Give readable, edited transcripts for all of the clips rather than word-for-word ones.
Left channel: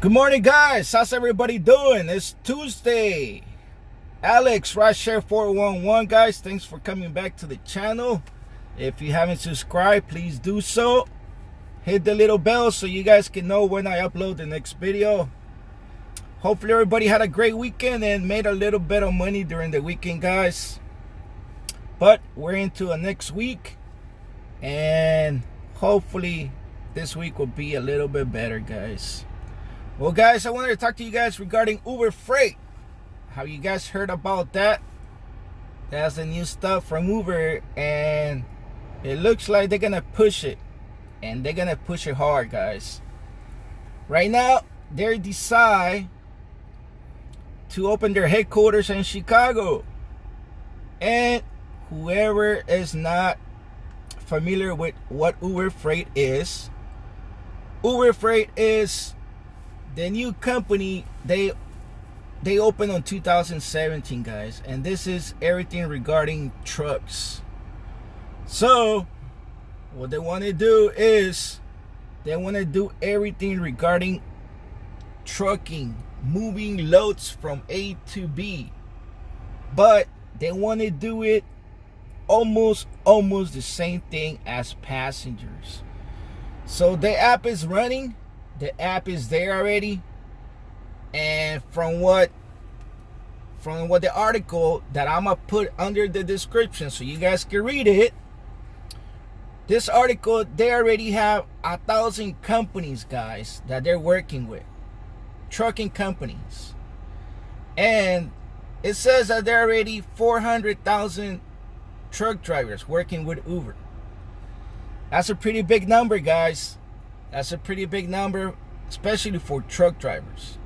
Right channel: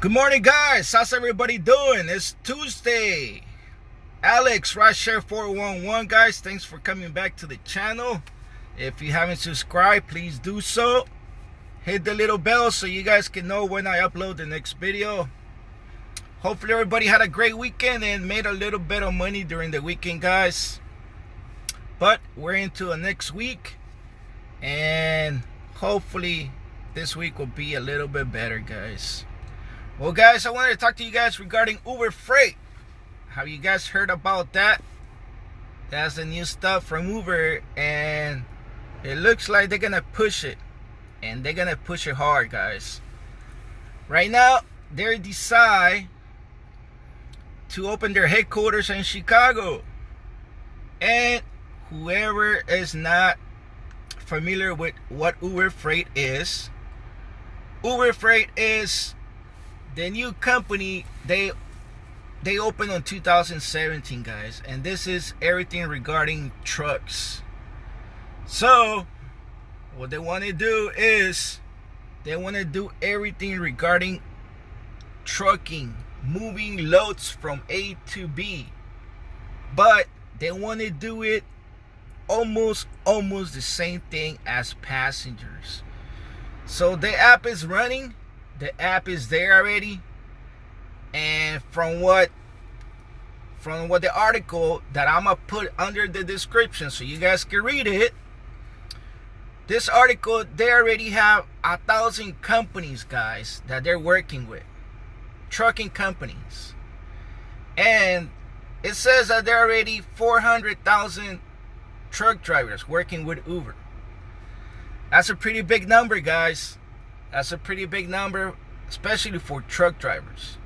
Good morning, guys. How's everybody doing? It's Tuesday. Alex Rideshare 411, guys. Thanks for coming back to the channel. If you haven't subscribed, please do so. Hit the little bell so you guys can know when I upload the next video. Hopefully everybody had a great weekend and made a little bit of money during the weekend, guys. But we're into the next week, and hopefully this week will be a little bit better, guys. Well, guys, I wanted to talk to you guys regarding Uber Freight. Have you guys heard about that? That's the new stuff from Uber, and it looks like they're gonna push it, and they're gonna push it hard, guys. Right now, they decide to open their headquarters in Chicago. And whoever is not familiar with what Uber Freight is the new company they opened on 2017, guys, and this is everything regarding trucks. So what they want to do is they want to do everything regarding trucking, moving loads from A to B, but they want to do it almost the same thing as passengers. So the app is running. The app is there already, and from what the article that I'm gonna put under the description so you guys can read it, this article, they already have 1,000 companies, guys, that they're working with, trucking companies, and it says that there are already 400,000 truck drivers working with Uber. That's a pretty big number, guys. That's a pretty big number, especially for truck drivers.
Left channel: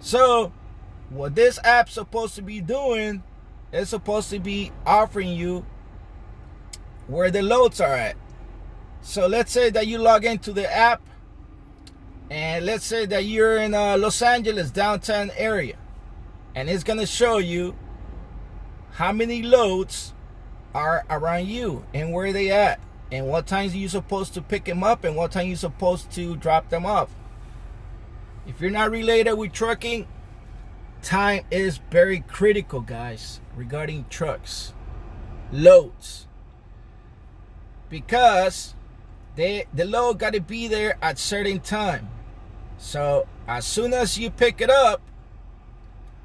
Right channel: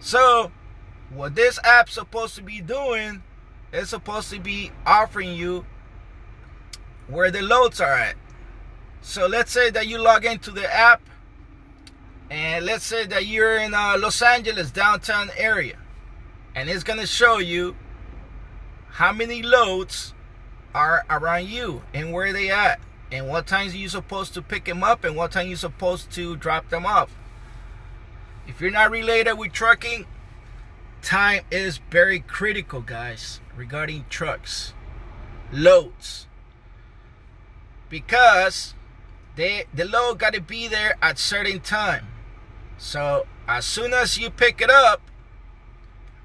So what this app's supposed to be doing is supposed to be offering you where the loads are at. So let's say that you log into the app, and let's say that you're in Los Angeles downtown area, and it's gonna show you how many loads are around you and where they at, and what times are you supposed to pick them up and what time you're supposed to drop them off. If you're not related with trucking, time is very critical, guys, regarding trucks, loads, because the load got to be there at certain time. So as soon as you pick it up,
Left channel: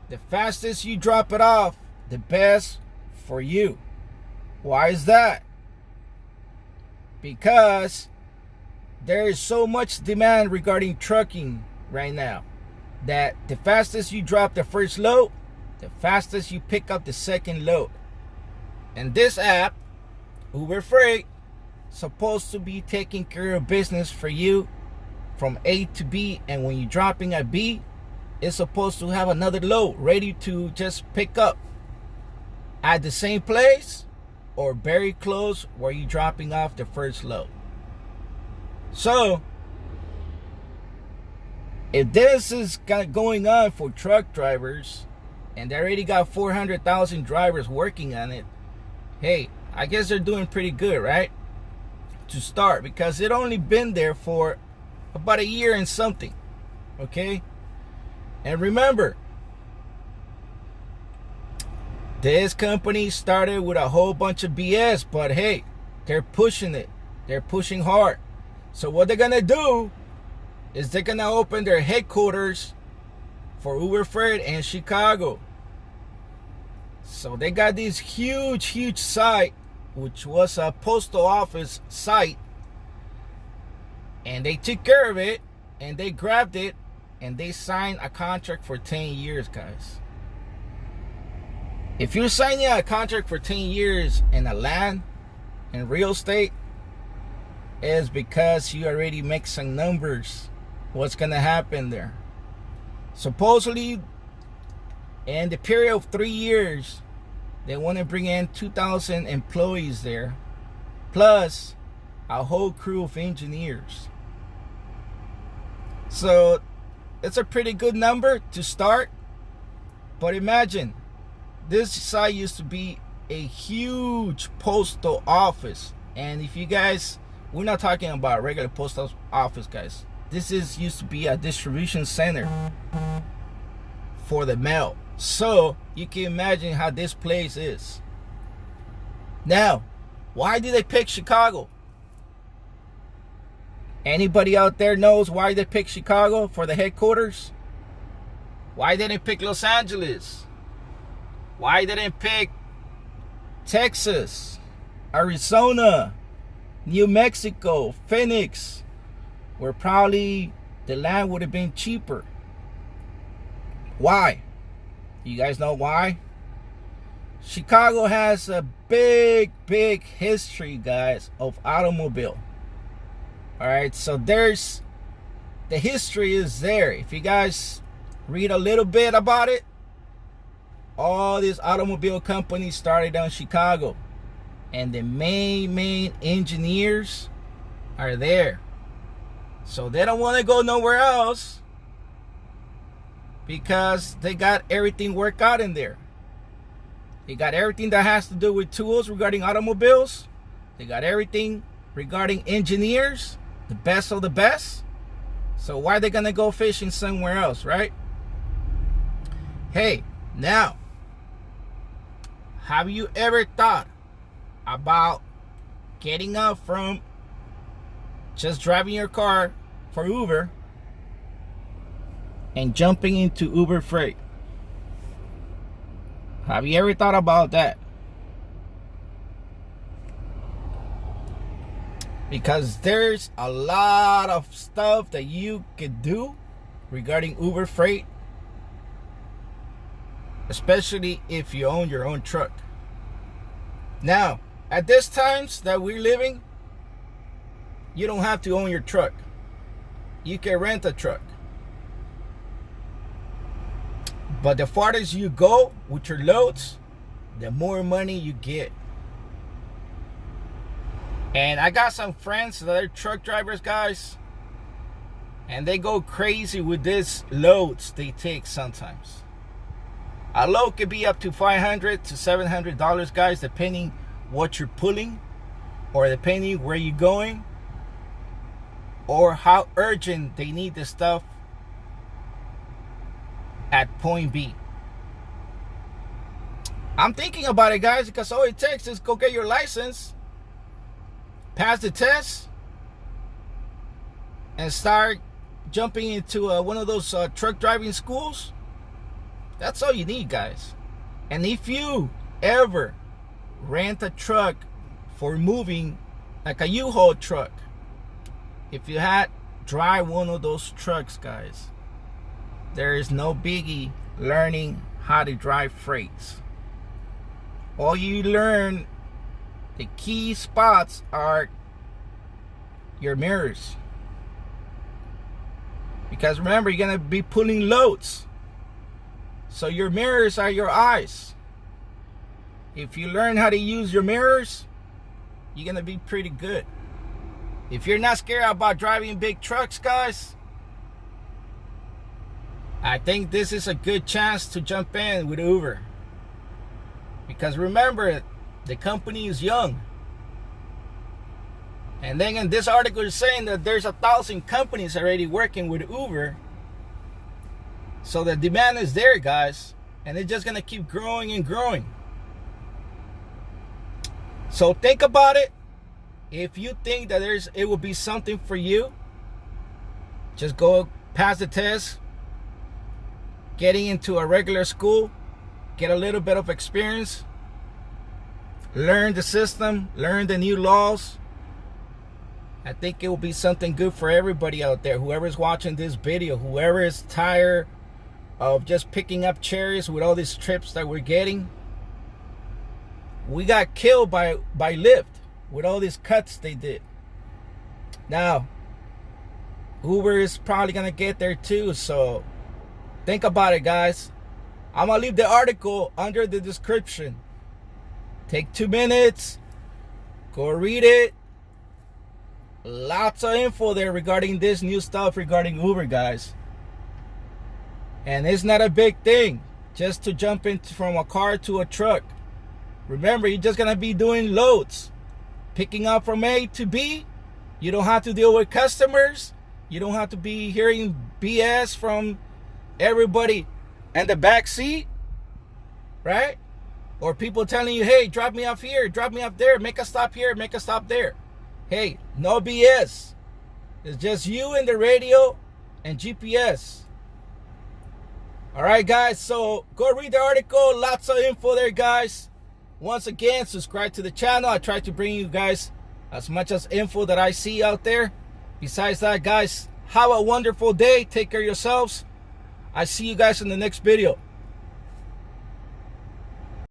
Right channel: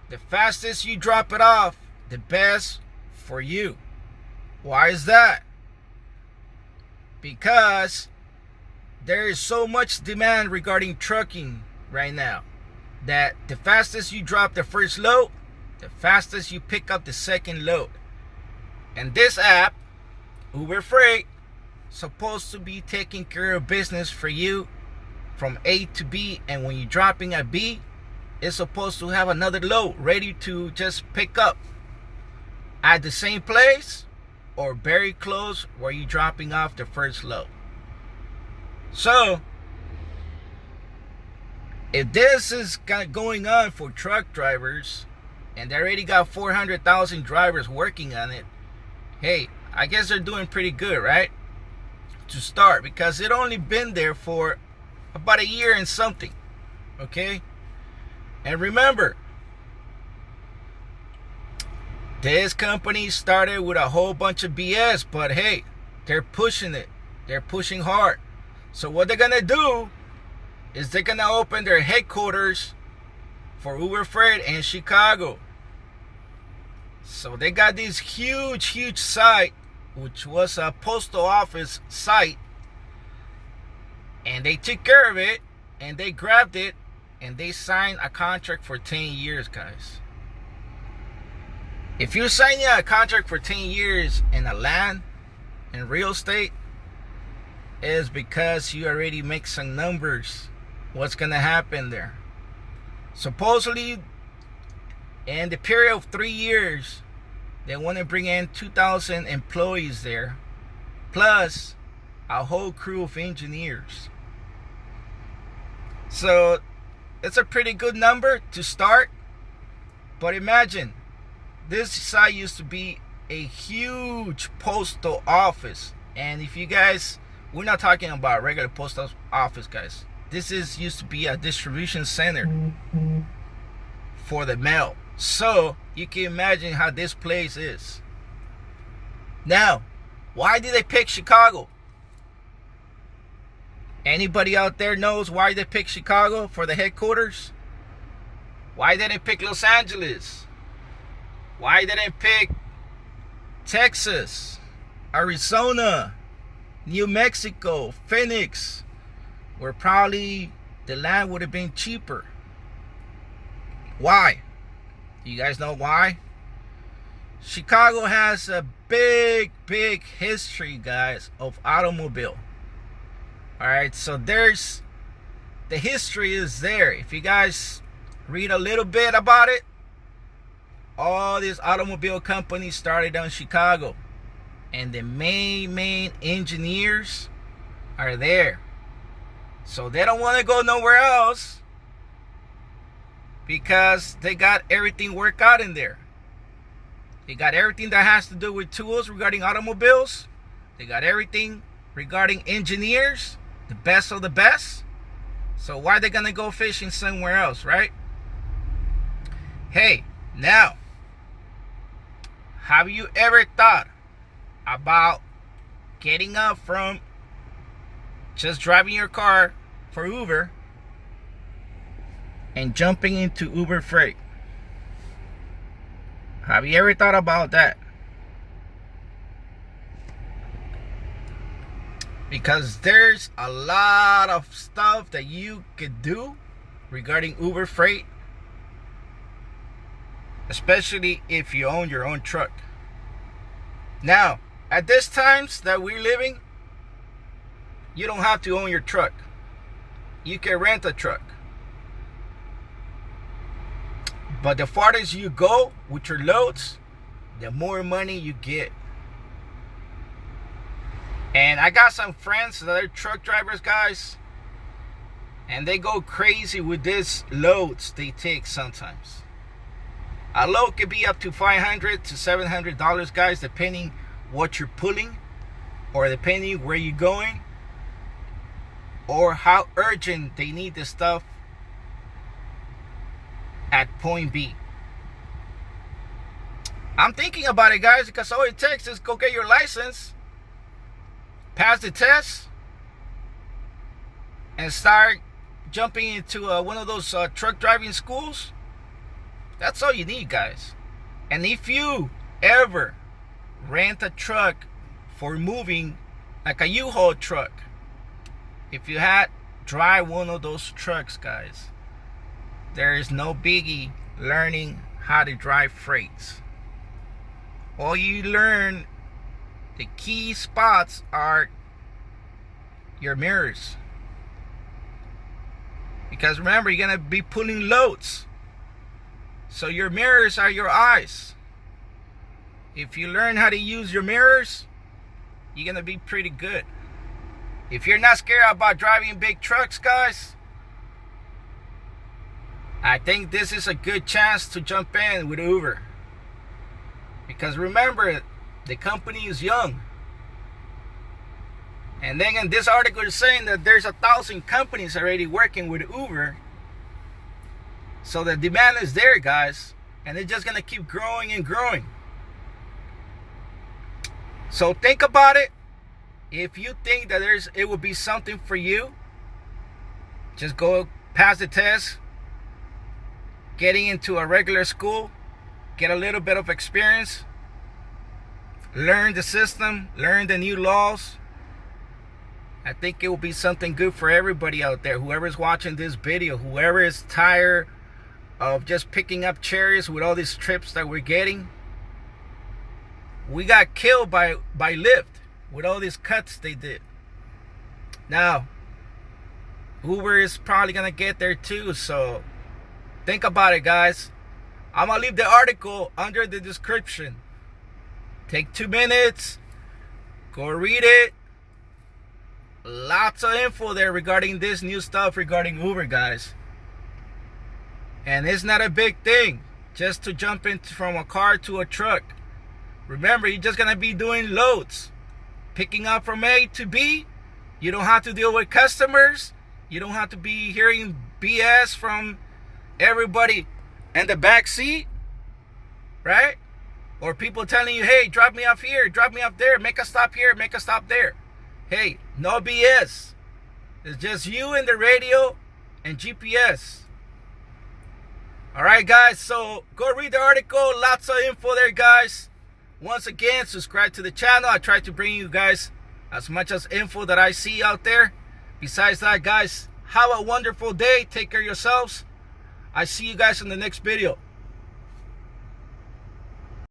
the fastest you drop it off, the best for you. Why is that? Because there is so much demand regarding trucking right now that the fastest you drop the first load, the fastest you pick up the second load. And this app, Uber Freight, supposed to be taking care of business for you from A to B, and when you're dropping at B, it's supposed to have another load ready to just pick up at the same place or very close where you're dropping off the first load. So if this is going on for truck drivers, and they already got 400,000 drivers working on it, hey, I guess they're doing pretty good, right? To start, because it only been there for about a year and something. Okay, and remember, this company started with a whole bunch of BS, but hey, they're pushing it. They're pushing hard. So what they're gonna do is they're gonna open their headquarters for Uber Freight in Chicago. So they got this huge site, which was a postal office site, and they took care of it, and they grabbed it, and they signed a contract for 10 years, guys. If you're signing a contract for 10 years in a land, in real estate, is because you already make some numbers. What's gonna happen there? Supposedly, in the period of 3 years, they want to bring in 2,000 employees there, plus a whole crew of engineers. So it's a pretty good number to start. But imagine, this site used to be a huge postal office, and if you guys, we're not talking about regular postal office, guys. this is used to be a distribution center for the mail. So you can imagine how this place is. Now, why did they pick Chicago? Anybody out there knows why they picked Chicago for the headquarters? Why didn't they pick Los Angeles? Why didn't they pick Texas, Arizona, New Mexico, Phoenix, where probably the land would have been cheaper? Why? You guys know why? Chicago has a big history, guys, of automobile. All right, so there's the history is there. If you guys read a little bit about it, all these automobile companies started down in Chicago, and the main engineers are there. So they don't want to go nowhere else because they got everything worked out in there. They got everything that has to do with tools regarding automobiles. They got everything regarding engineers, the best of the best. So why are they gonna go fishing somewhere else, right? Hey, now, have you ever thought about getting up from just driving your car for Uber and jumping into Uber Freight? Have you ever thought about that? Because there's a lot of stuff that you could do regarding Uber Freight, especially if you own your own truck. Now, at this times that we're living, you don't have to own your truck. You can rent a truck. But the farthest you go with your loads, the more money you get. And I got some friends that are truck drivers, guys, and they go crazy with these loads they take sometimes. A load could be up to $500 to $700, guys, depending what you're pulling, or depending where you're going, or how urgent they need the stuff at point B. I'm thinking about it, guys, because all it takes is go get your license, pass the test, and start jumping into one of those truck driving schools. That's all you need, guys. And if you ever rent a truck for moving, like a U-Haul truck, if you had drive one of those trucks, guys, there is no biggie learning how to drive freights. All you learn, the key spots are your mirrors. Because remember, you're going to be pulling loads. So your mirrors are your eyes. If you learn how to use your mirrors, you're going to be pretty good. If you're not scared about driving big trucks, guys, I think this is a good chance to jump in with Uber. Because remember, the company is young. And then in this article is saying that there's 1,000 companies already working with Uber. So the demand is there, guys. And it's just going to keep growing and growing. So think about it. If you think that it will be something for you, just go pass the test, getting into a regular school, get a little bit of experience, learn the system, learn the new laws. I think it will be something good for everybody out there. Whoever's watching this video, whoever is tired of just picking up cherries with all these trips that we're getting. We got killed by Lyft with all these cuts they did. Now, Uber is probably going to get there too, so think about it, guys. I'm going to leave the article under the description. Take 2 minutes, go read it. Lots of info there regarding this new stuff regarding Uber, guys. And it's not a big thing just to jump into from a car to a truck. Remember, you're just going to be doing loads, picking up from A to B. You don't have to deal with customers. You don't have to be hearing BS from everybody in the back seat, right? Or people telling you, hey, drop me off here, drop me off there, make a stop here, make a stop there. Hey, no BS. It's just you and the radio and GPS. All right, guys, so go read the article. Lots of info there, guys. Once again, subscribe to the channel. I try to bring you guys as much as info that I see out there. Besides that, guys, have a wonderful day. Take care of yourselves. I see you guys in the next video.